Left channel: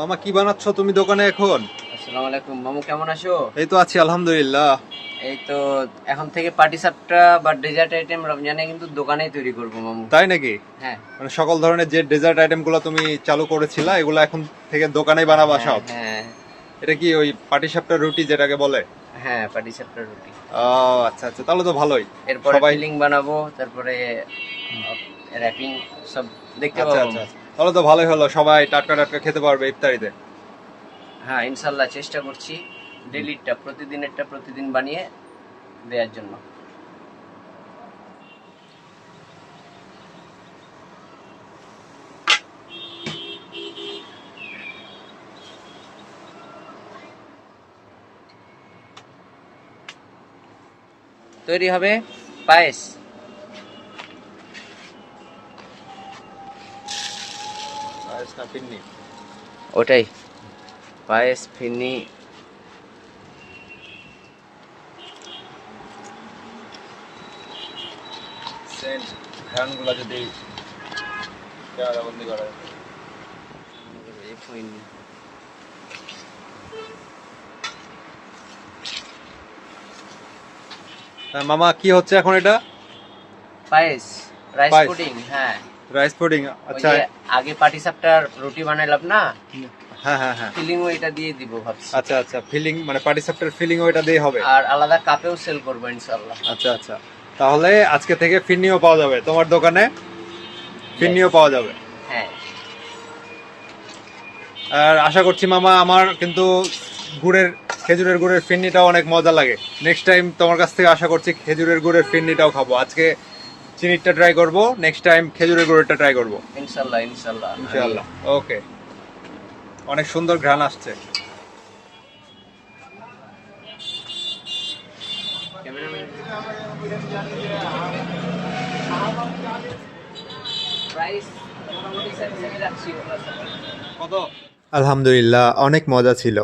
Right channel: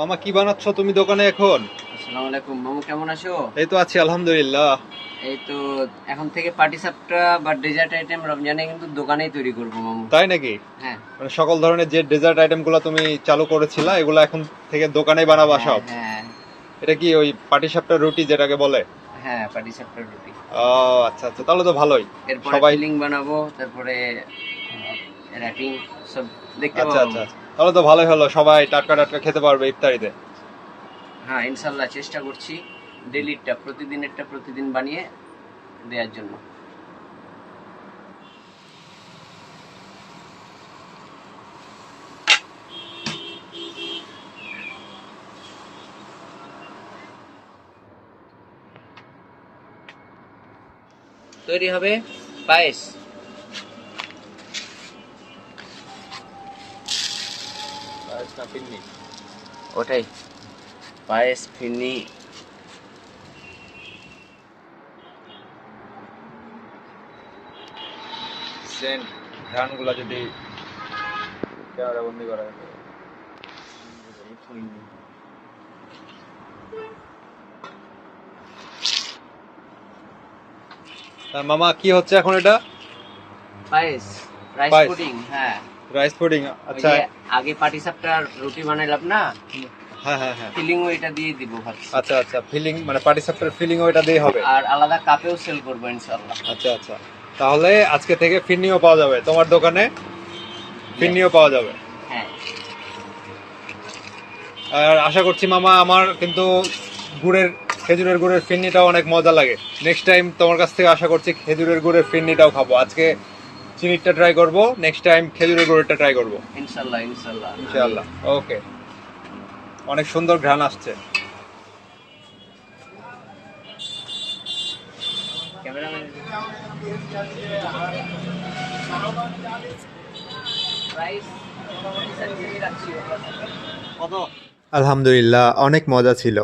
মামা কি বানাচ্ছ তুমি দোকানে এখন? আসসালামু আলাইকুম মামু, কেমন আছো? এই তো আছি আলহামদুলিল্লাহ। এই তো এখন থেকে পাটি সাপটা বা ডেজার্ট আইটেম রমজানে কিন্তু দোকানেই তৈরি করবো মামু। তাই নাকি? হ্যাঁ মানে সকল ধরনের যে ডেজার্ট আইটেম গুলো তুমি চালু করেছিলা এগুলো এখন থেকে দোকানেই বানাবা সব? হ্যাঁ এটা কি ওই পাটিসাপটা রুটি যেটাকে বলে? হ্যাঁ পাটি সাপটা রুটি। ও আচ্ছা আচ্ছা, তাহলে তো ভালোই। এরপরে সবাই ফিলিং বানাবো, তারপরে র্যাপিং সব দেখতে আচ্ছা পাবো। আচ্ছা আচ্ছা, তাহলে তো ভালোই হলো, সবাই টাটকা টাটকা খেতে পারবে ইফতারিতে। হ্যাঁ ইনশাল্লাহ চেষ্টা করছি ডেলিটা প্রতিদিনেরটা প্রতিদিন বানিয়ে দেওয়ার জন্য। তৈরি হবে পায়েস। ওটাই পায়েস ফিরনি। ঘ্রাণগুলো যদি ক্যামেরাবন্দি করা যায়। মামা কি হচ্ছে এখন এটা? পায়েস, রাইস পায়েস। পুডিং। হ্যাঁ রাইস পুডিং। আচ্ছা ওই যে আগে পাটিসাপটার রুটি বানাইলাম না, হ্যাঁ হ্যাঁ হ্যাঁ। ফিলিং ওইটা দিয়ে দিব ভাবছি। আচ্ছা আচ্ছা, ফিলিং মানে পাটিসাপটার ফিলিং ওইটা দিয়ে হবে। আর আলাদা কাপেও সেল করবো ইনশাআল্লাহ। আচ্ছা আচ্ছা, তাহলে আজকে থেকে ফিরনিও পাওয়া যাবে তোমার দোকানে, ফিরনিও পাওয়া যাবে। হ্যাঁ আর আশা করছি মামা আমার কিন্তু খেজুরের গুড়ের ফিরনিটাও অনেক মজা লাগে। নেক্সট টাইম তোমার কাছ থেকে আশা করছি খেজুরের গুড়ের ফিরনিটাও খাবো। আজকে চিনিটা ট্রাই করব, নেক্সট টাইম খেজুরের গুড়েরটা ট্রাই করব ইনশাআল্লাহ ইনশাআল্লাহ ইনশাআল্লাহ। ওকে, অনেক সুন্দর ঘ্রাণ আসছে। আলহামদুলিল্লাহ অনেক মজা ছিল।